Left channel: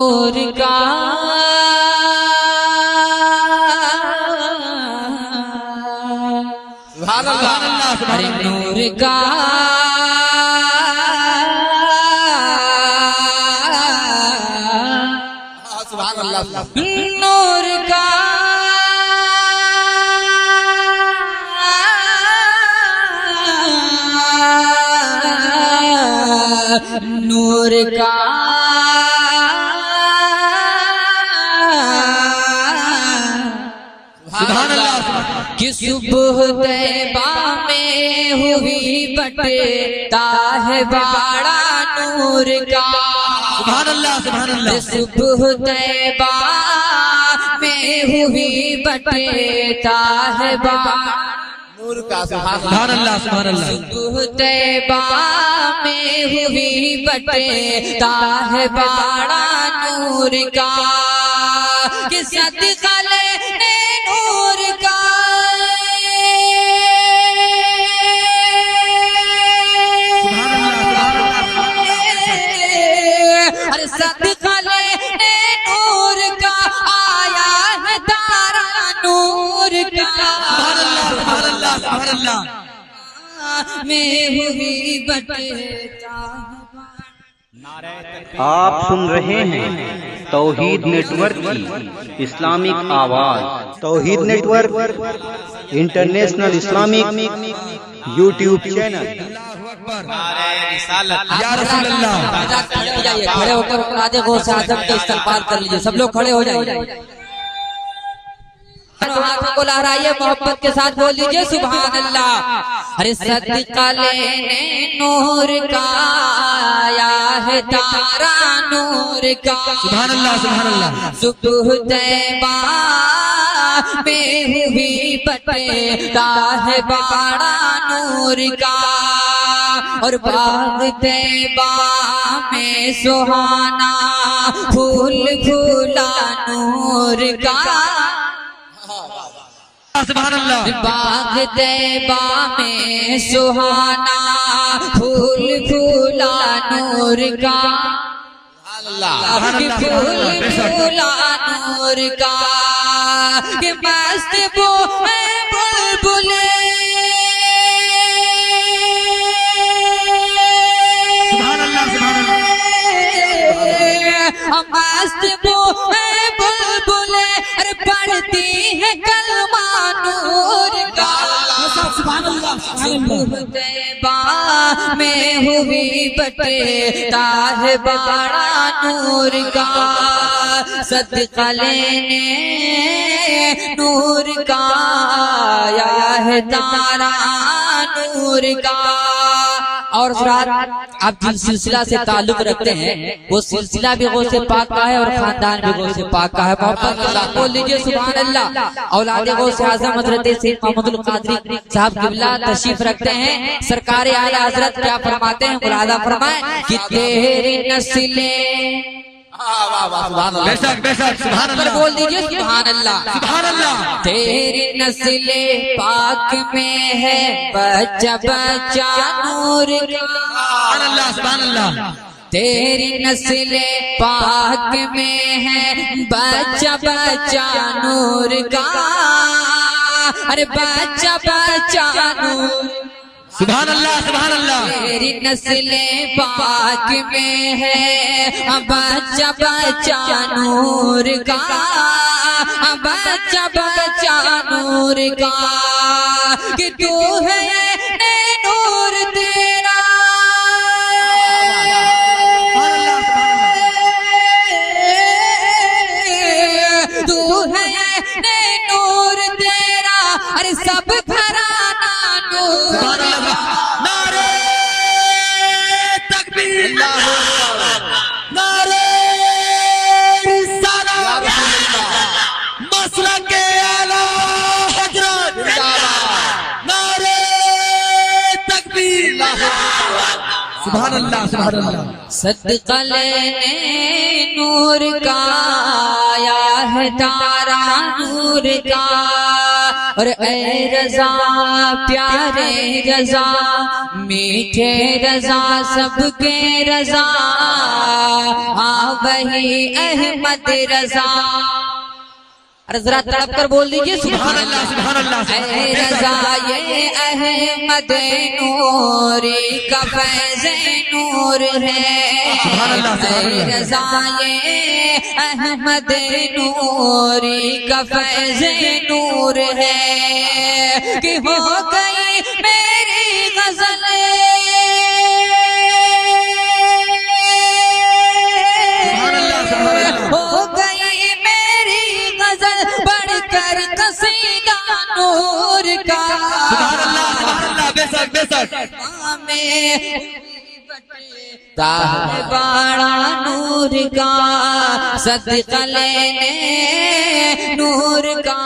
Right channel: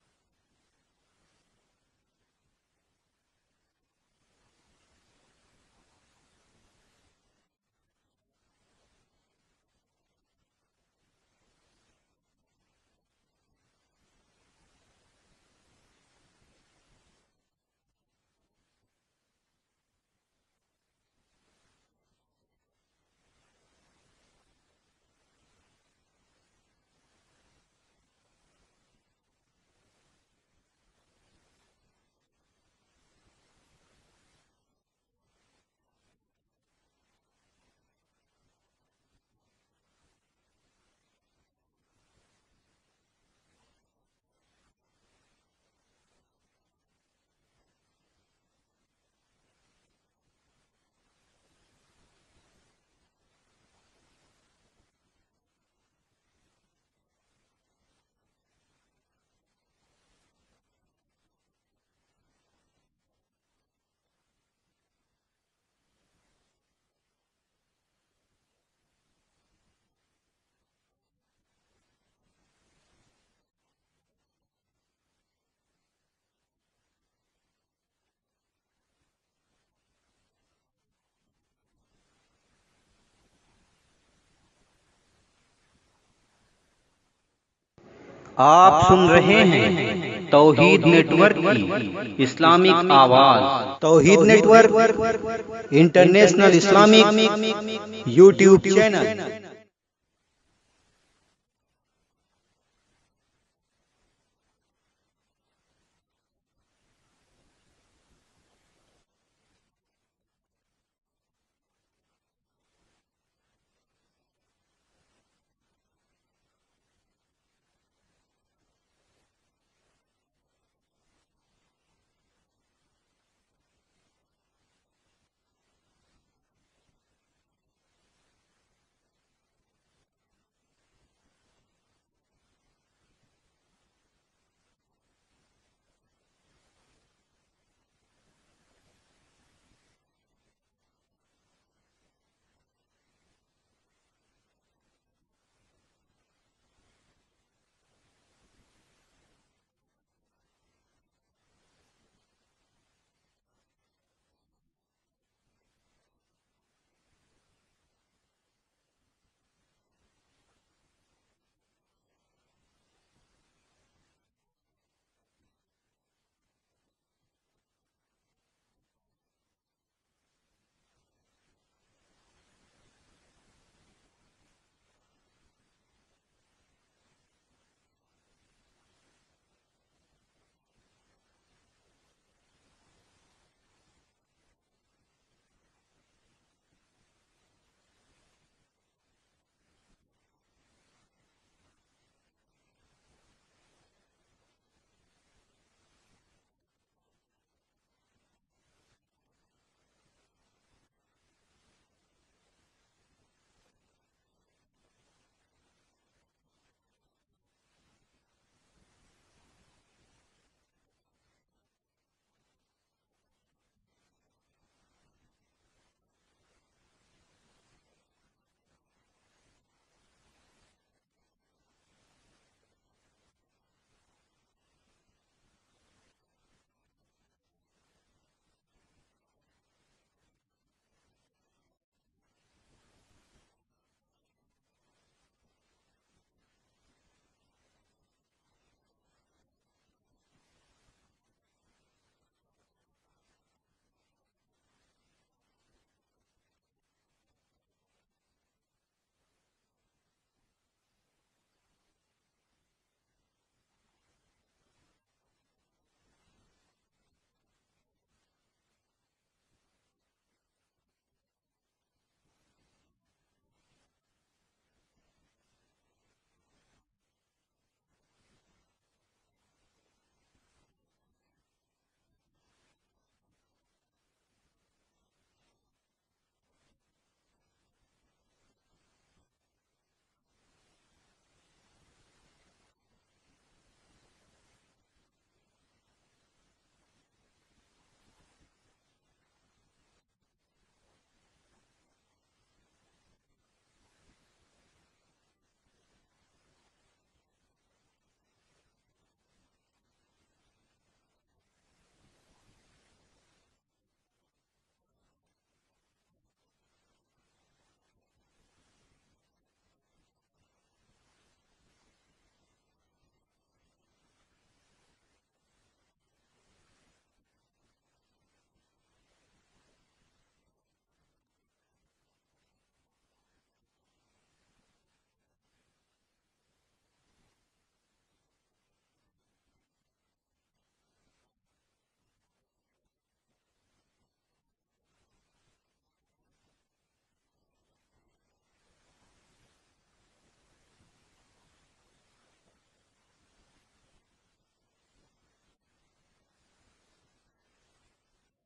नूर का अरे नूर का नूर का नूर का कि सुबह तैबा में हुई बटता है बाड़ा नूर का। सुभान अल्लाह सुभान अल्लाह। सुबह तैबा में हुई बटता है बाड़ा नूर का। सुभान अल्लाह सुभान अल्लाह। सुबह तैबा में हुई बटता है बाड़ा नूर का कि सदका लेने नूर का अरे सदका लेने नूर का आया है तारा नूर का। सुभान अल्लाह सुभान अल्लाह। में हुई बटता आप सुन रहे हैं तौहीद नेटवर्क की इस्लामिक आवाज। Tauheed network international Islamic YouTube channel. या रसूल अल्लाह। खड़े हो जाइए, खड़े होकर राजे गौस आजम के इस्तकबाल कर लीजिए। सब लोग खड़े हो जाइए, हाथों को लहराइए, मोहब्बत के साथ बोल लीजिए सुभान अल्लाह। अरे सदका लेने नूर का आया है तारा नूर का। सुभान अल्लाह सुभान अल्लाह। सुबह तैबा में हुई बटता है बाड़ा नूर का और बाग तैबा में सुहाना फूल फूला नूर का। सुभान अल्लाह। बाग तैबा में सुहाना फूल फूला नूर का। फूल फूला नूर का कि मस्त वो बुलबुले मस्त वो बुलबुले अरे पढ़ती है कलमा नूर का। तैबा में हुई बटता है बाड़ा नूर का सदका लेने नूर का आया है तारा नूर का। और आप जिस सिलसिला से ताल्लुक रखते हैं वो सिलसिला भी गौस पाक का है और खानदान भी गौस पाक का है। मोहब्बत के साथ बोल लीजिए सुभान अल्लाह। औलाद गौस आज़म हज़रत सैयद मोहम्मदुल कादरी साहब क़िबला तशरीफ रखते हैं। सरकार आला हज़रत क्या फरमाते हैं, मुरादा फरमाए कि तेरी नस्लें बेशक बेशक सुभान अल्लाह। बोल दीजिए सुभान अल्लाह सुभान अल्लाह। तेरी नस्ले पाक में है बच्चा बच्चा नूर का। सुभान अल्लाह सुभान अल्लाह। तेरी नस्ले पाक में है बच्चा बच्चा नूर का अरे बच्चा बच्चा नूर। सुभान अल्लाह सुभान अल्लाह। तेरी नस्ले पाक में है बच्चा बच्चा नूर का बच्चा बच्चा नूर का कि तू है नूर तेरा तू है नूर तेरा अरे सब घराना नूर। सुभान अल्लाह सुभान अल्लाह। सदका लेने नूर का आया है तारा नूर का और ऐ रजा प्यारे रजा मीठे रजा सबके रजा हाँ वही अहमद रजा। अरे जरा तड़प कर बोल दीजिए सुभान अल्लाह सुभान अल्लाह। ऐ रजा ये अहमद नूरी का फैज़ नूर है। ऐ रजा ये अहमद नूरी का फैज़ नूर है कि हो गई मेरी गजल हो गई मेरी गजल बढ़कर कसीदा नूर का। बेशक बेशक बाड़ा नूर का सदका लेने नूर का।